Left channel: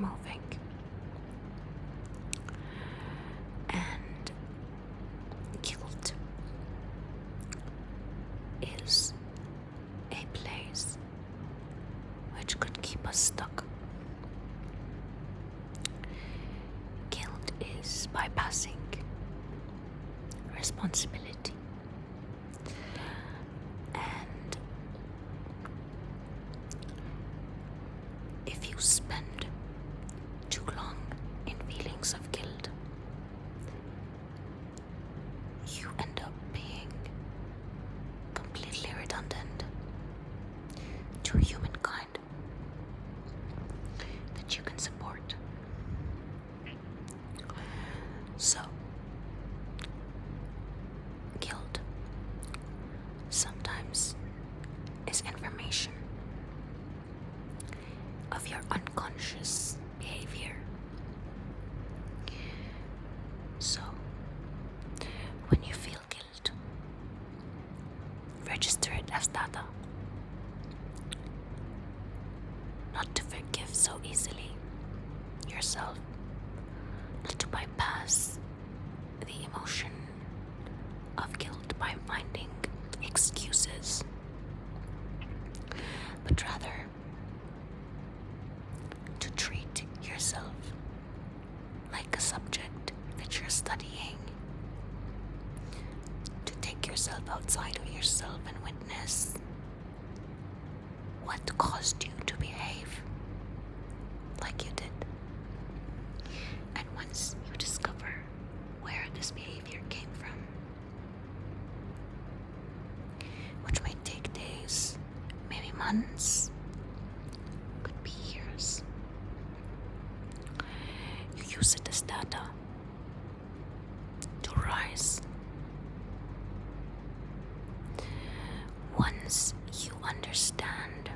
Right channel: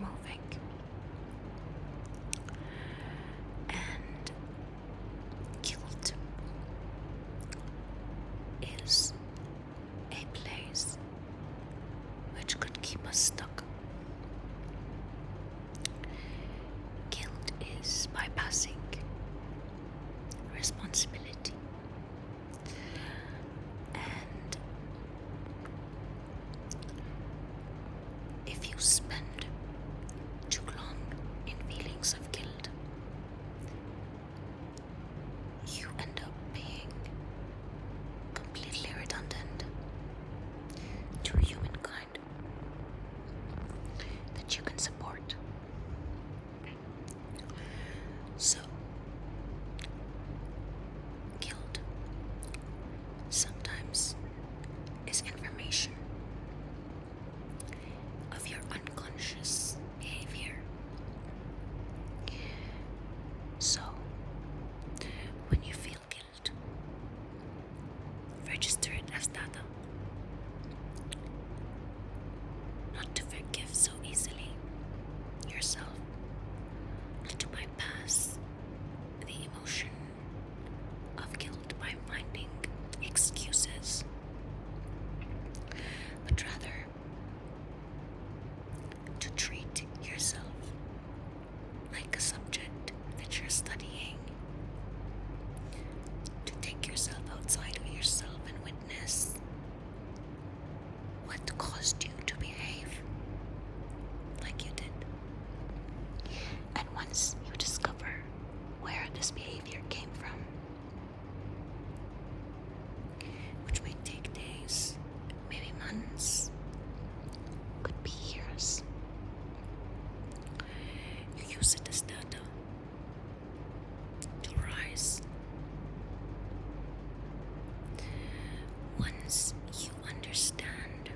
moving. And guilt is a place which could keep us stuck. Guilt is bypassing responsibility. And if you spend too long in feelings of guilt, you end up being completely redundant to humankind that you can support. So, guilt sometimes is information of your unconscious behavior. So, when you feel guilt, register it as data. Not to forgive so easily yourself, not to bypass the emotion of guilt by finding excuses, but rather to treat yourself like a subject that you're studying, to take yourself outside of yourself and witness what caused you to behave like you did. And once you discover where this behavior came from, which may take days, maybe months, could be years, you use it as data to rise. Once you understand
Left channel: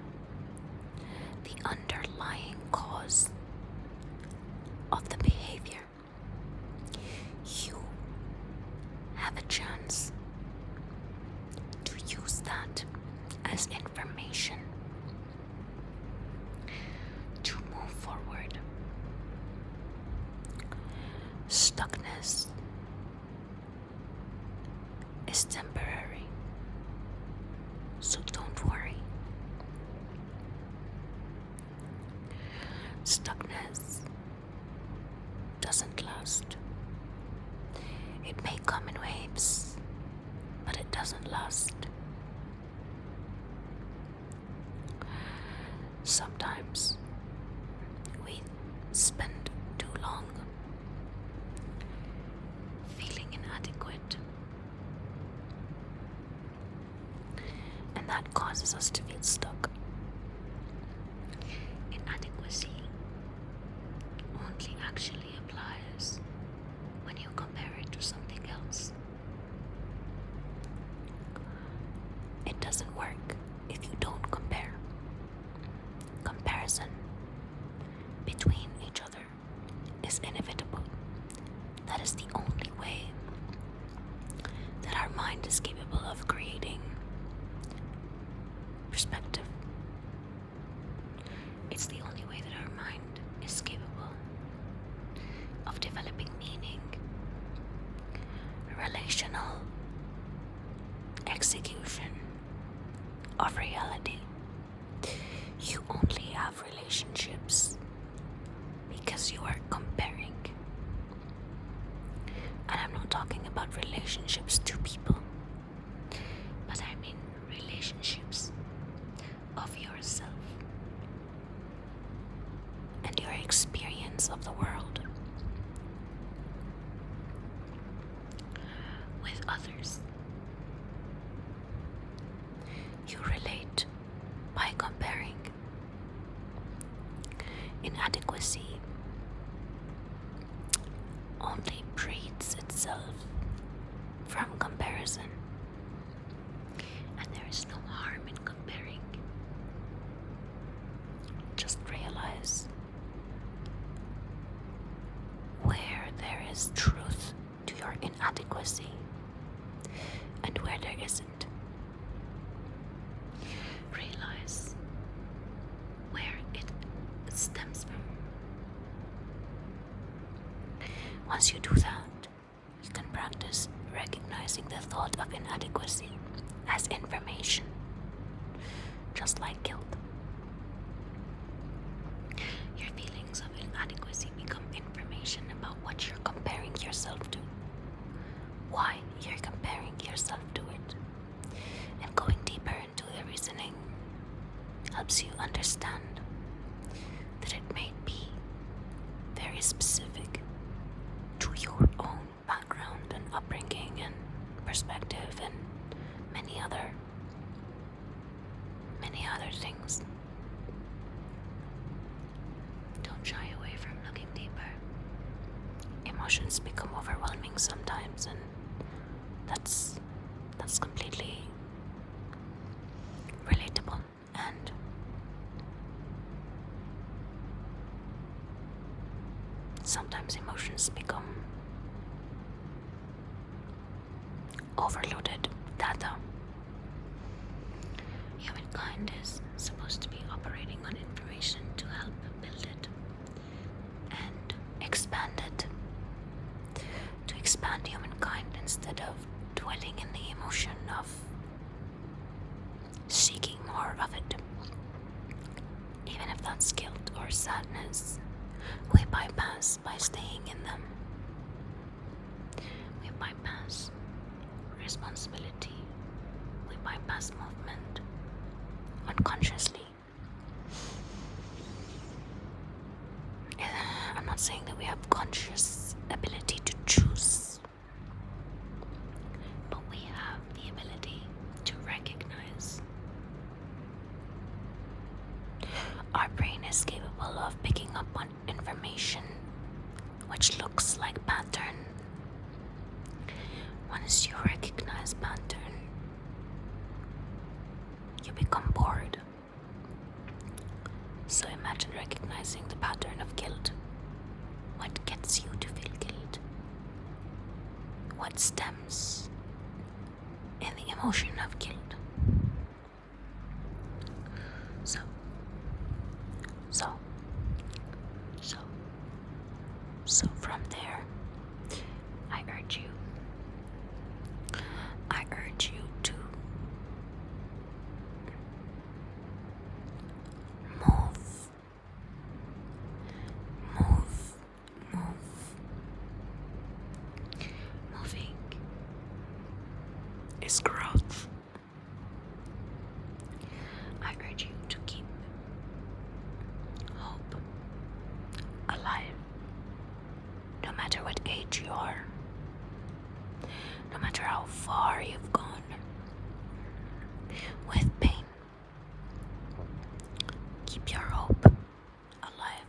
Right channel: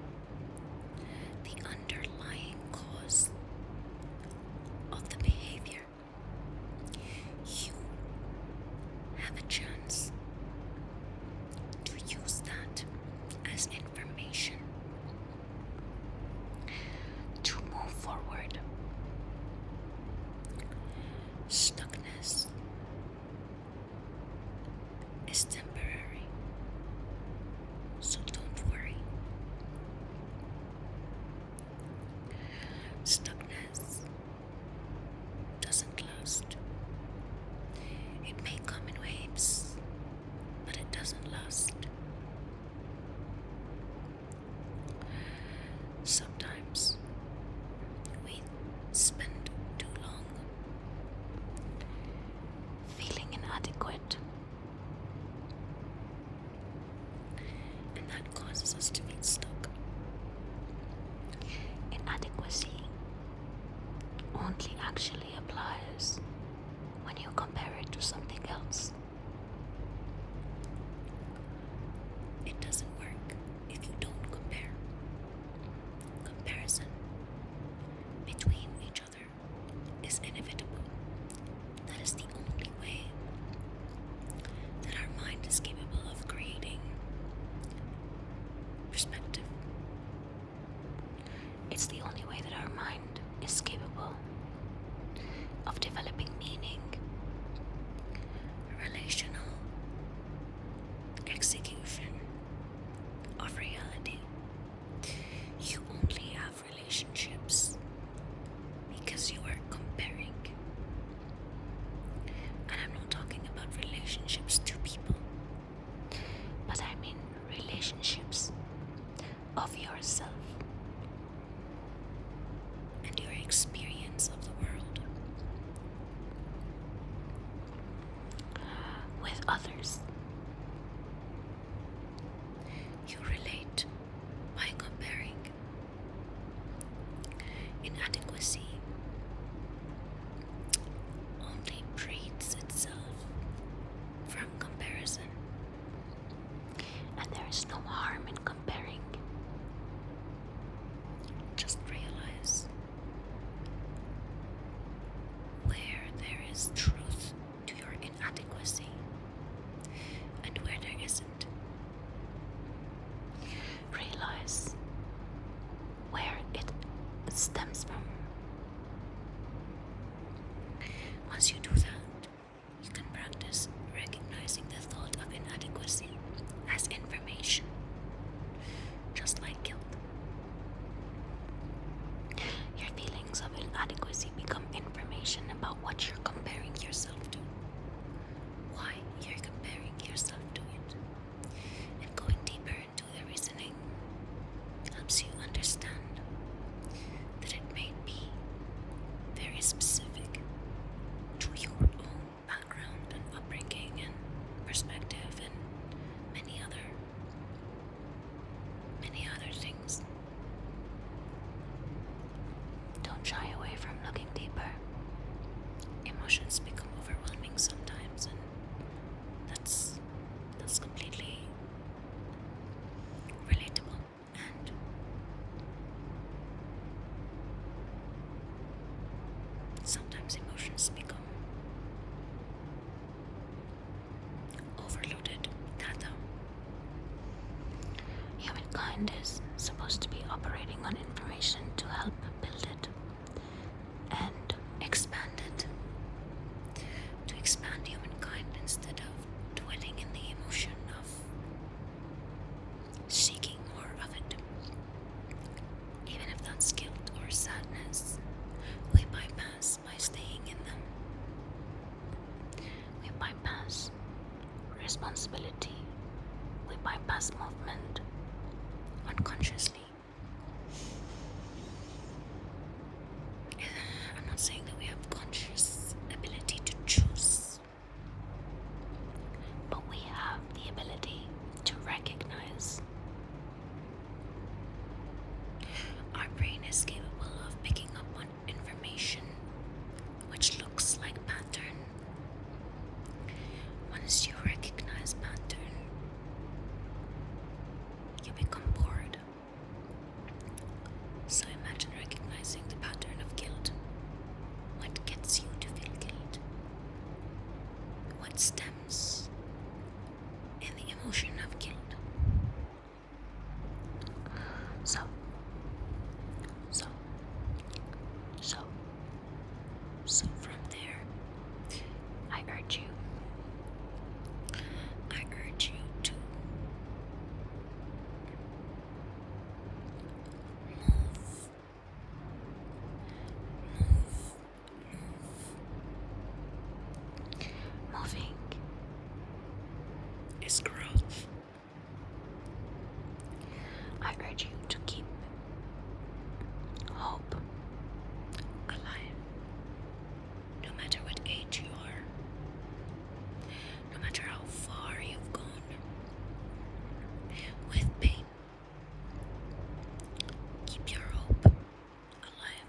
the underlying cause of the behavior, you have a chance to use that as information to move forward. Stuckness is temporary, so don't worry. Stuckness doesn't last. It may come in waves, but it doesn't last. Sometimes we spend too long feeling inadequate, and that causes us to feel stuck. Inadequacy only actually applies when you compare it to something else. It doesn't work if you don't compare. Comparison between each other is inevitable. That is the only way that our mind is capable of creating perspective. It's the only way that our mind is capable of developing meaning, relational execution of reality. You only have relationships because you are comparing. And I'm not talking about relationships to people, but I mean relationships of yourself and your experience of the world with others. You relate by comparing. Inadequacy only breeds itself from comparison, and there is no harm in comparing. Just realize where there is truth to your inadequacy and where there isn't. Realize where it stems from Once you do that, you can practice recognizing the thought of inadequacy as information, just like guilt. Your feelings of inadequacy become information about what you're comparing yourself to, why you're comparing yourself to it, and going deeper into the reasoning helps you understand that it may be very specific to your own background and upbringing and perspective and many other things. Don't shy away from looking deeper. Emotions become overwhelming sometimes, and that's completely relatable. And sometimes emotions become overloaded data. Humankind is supposed to be operating on information to help build it and expand it. To expand humankind instead of dwelling in the emotion of seeking more of it. Even if that's guilt or sadness, we bypass by staying in them. We bypass responsibility. We bypass movement unconsciously. I'm not saying that we have conscious ability to choose, but we have the ability to recognize. Our brain is capable of picking up on information which looks like pattern. Once you recognize pattern, you become bored. So imagine recognizing the pattern of guilt. What gets you to feel guilt? What stems in the emotion of guilt? So from there, I urge you to move. Moving is growth. I urge you to keep hope alive, no matter what age you are, no matter how far you've gone with pain. Keep your hope alive.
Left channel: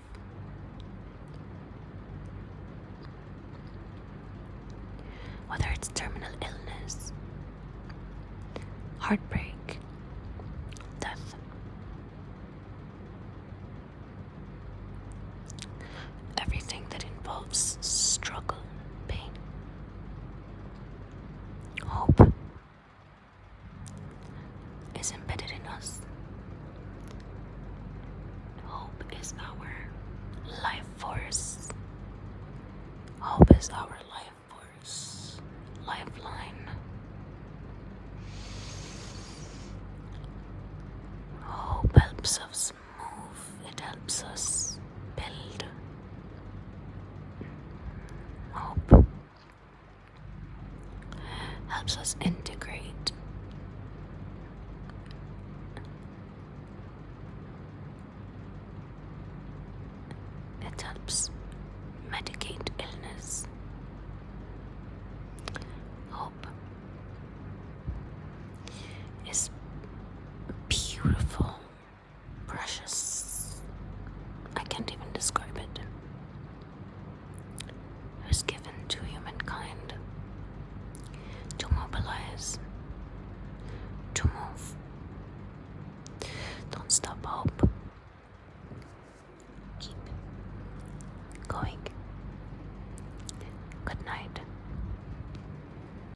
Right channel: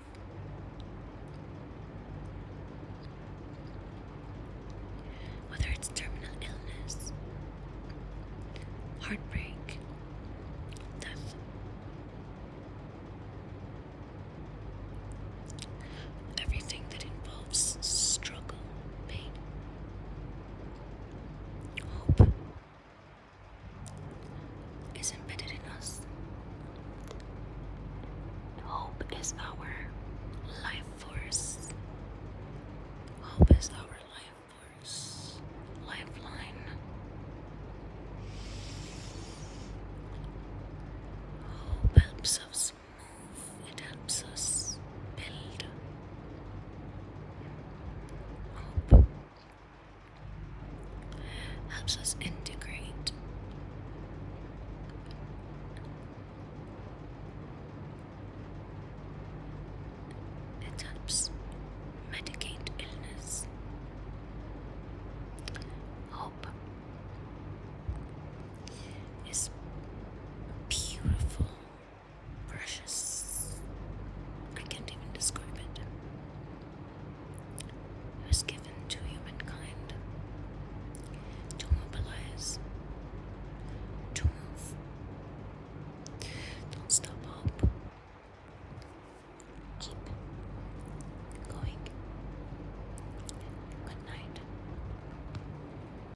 Whether it's terminal illness, heartbreak, death, everything that involves struggle, pain, hope is embedded in us. Hope is our life force. Hope is our life force, lifeline. Hope helps us move. It helps us build. Hope helps us integrate. It helps medicate illness. Hope is beautiful, precious. I can't even describe it. It was given to humankind to mobilize, to move. Don't stop hope. Keep going.